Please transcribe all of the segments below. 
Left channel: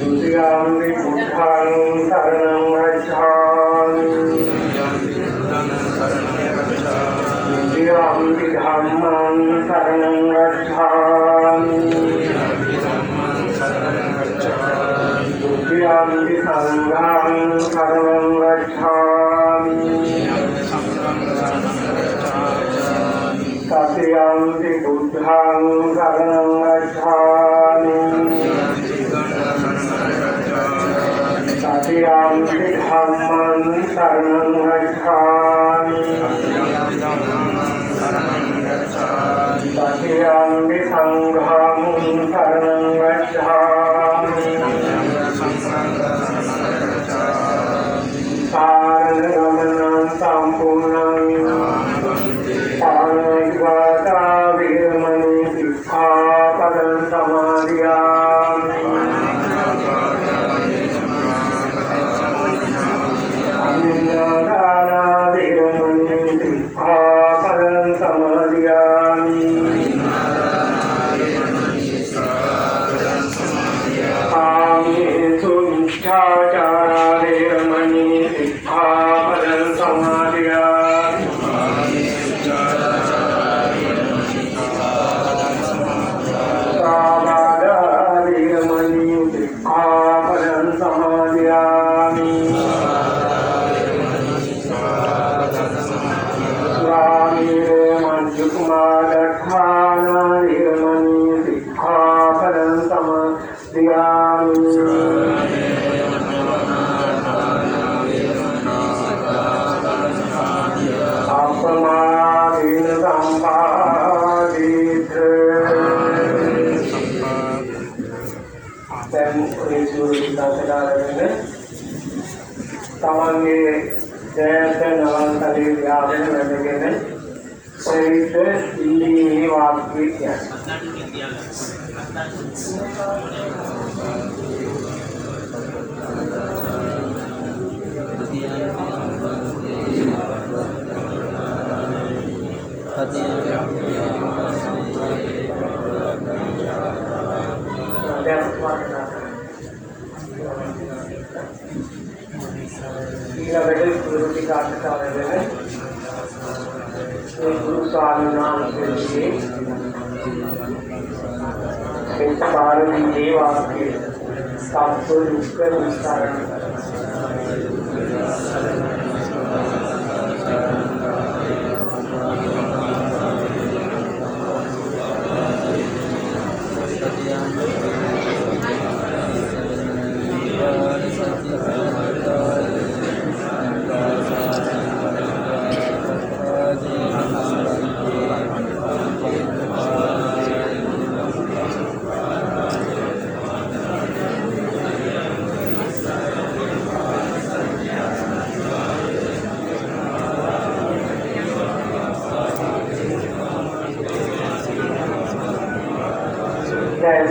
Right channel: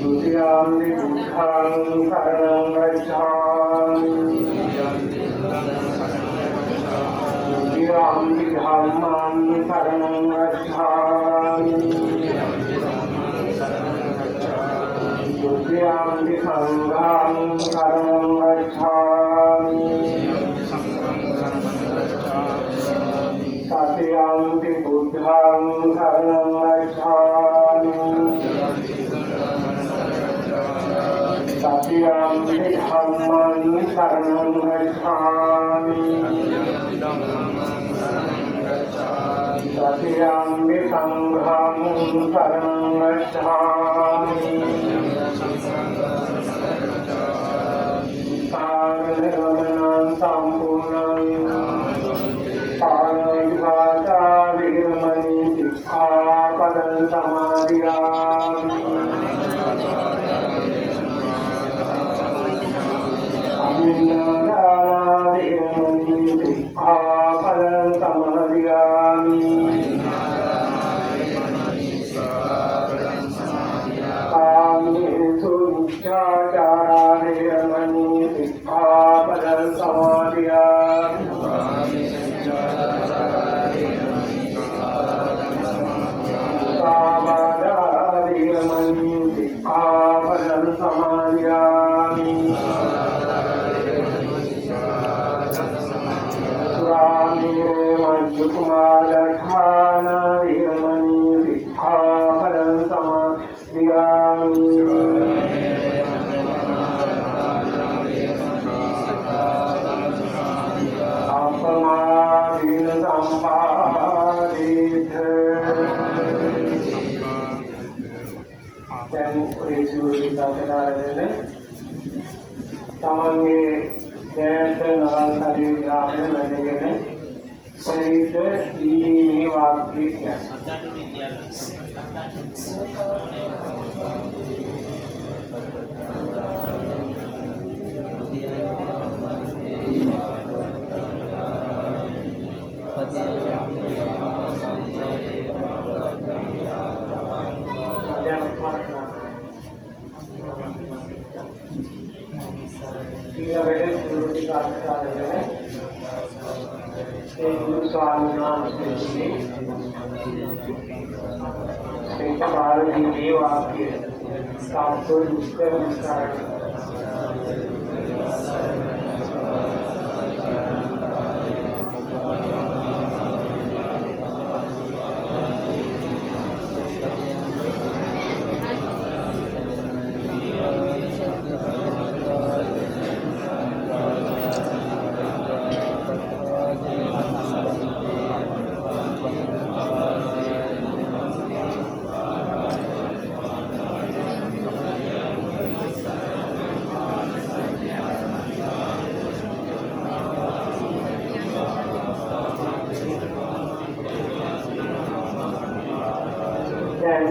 Dutiyampi buddhaṃ saranam gacchāmi Dutiyampi dhammaṃ saranam gacchāmi Dutiyampi saṅghāṃ saranam gacchāmi Tatiyampi buddhaṃ saranam gacchāmi Tatiyampi dhammaṃ saranam gacchāmi Tatiyampi saṅghāṃ saranam gacchāmi Sarana-gamaṇaṃ sampurnaṃ Pāṇaṭivātā vīramaṇī sikkhapadaṃ samādhiyāmi Abhinādānā vīramaṇī sikkhapadaṃ samādhiyāmi Kāmeṣu miච්ඡāචārā vīramaṇī sikkhapadaṃ samādhiyāmi Sāvādā vīramaṇī sikkhapadaṃ samādhiyāmi Sūrāmērē majjapamādāṭṭhānā vīramaṇī sikkhapadaṃ samādhiyāmi Appamādena sampādīත දැන් ඒ සිවුරු දාගෙන තමන්ගේ දැයට නවල් තලයේ ව්‍යාපන වැඩගෙන පරිත ඉල්ලීමේ වාක්‍ය කියන්නේ ඊළඟට ගුරු ටිකාටකවලගෙන ඒ ගුරු ස්වාමීන් වහන්සේගේ ඒ පාරමී වාක්‍ය සත්‍ය දුක්ඛ විස්තර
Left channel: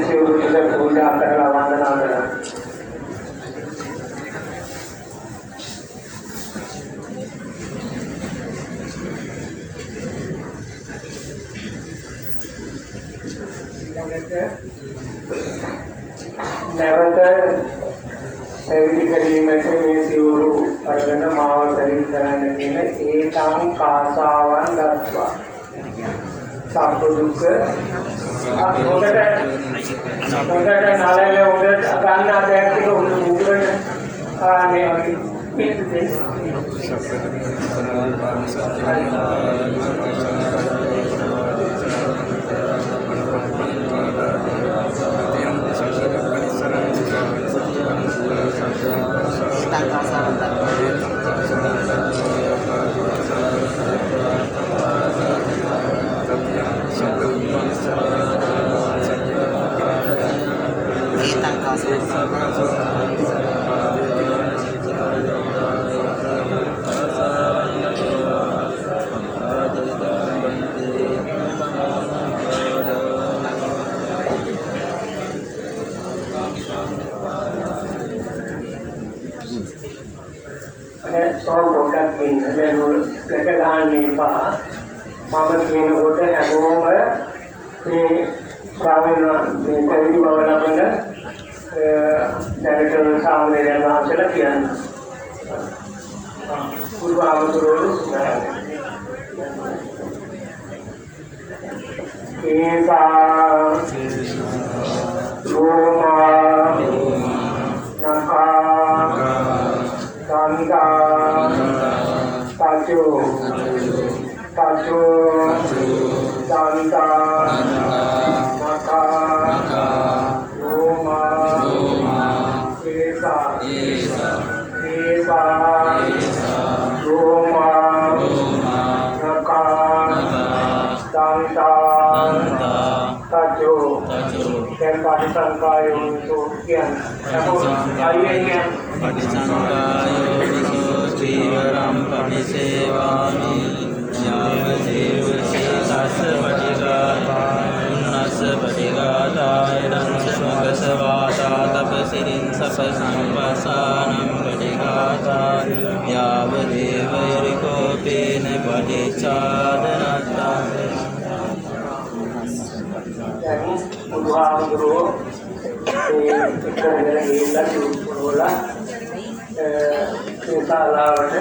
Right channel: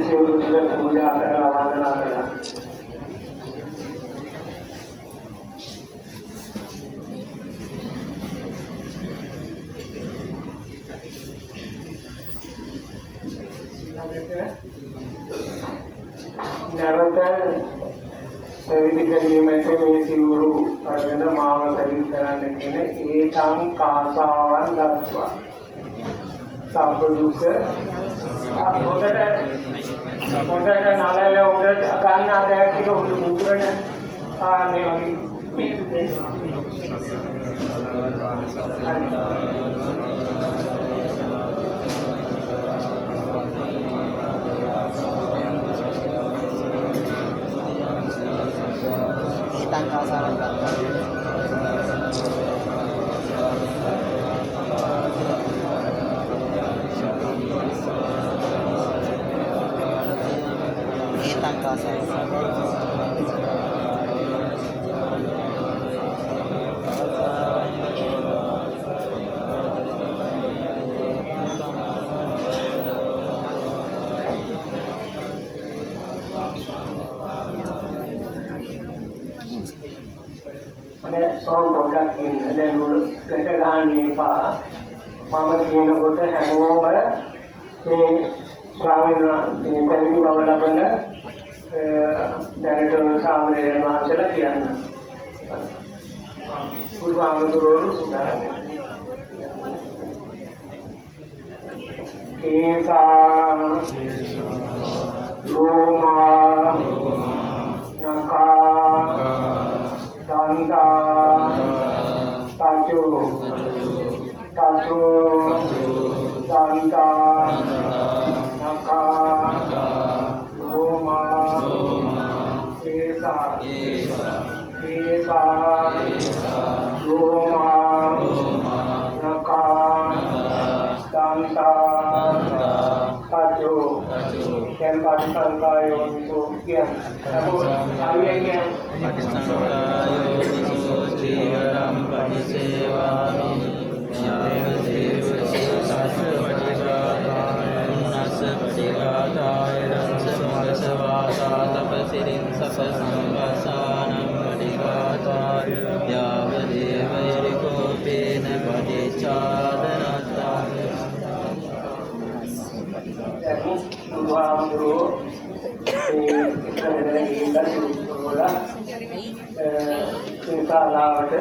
සිවුරු ටික පූජා කරලා වන්දනා කරලා නැවත පැවිදි කිරීමට මේ සිවුරු අරගෙන මාව පරිදි කරන්න කියන ඒතං කාසාවන් දක්වා සබ්බ දුක්ඛ හොඳට නාලල හොඳට ගන්න අධ්‍යයන ටික උඩරන මේ වගේ පොඩ්ඩක් ඉන්න දැන් ඔය එක ගන්න එපා මම කියනකොට හැමෝම මේ ස්වාමීන් වහන්සේ පැවිදි බව ලබන දැනට සාමණේරයන් වහන්සේලා කියනවා. ගුරුහාමුදුරුවෝ සුණාන්නේ. ඒසා රෝමා නකා සංදා ताजो संता नका रोमा एसा रोमा नका संता ताजो yang tadi sangkayo untuk kian aku ayahnya Guru kita lagi bola kita lawat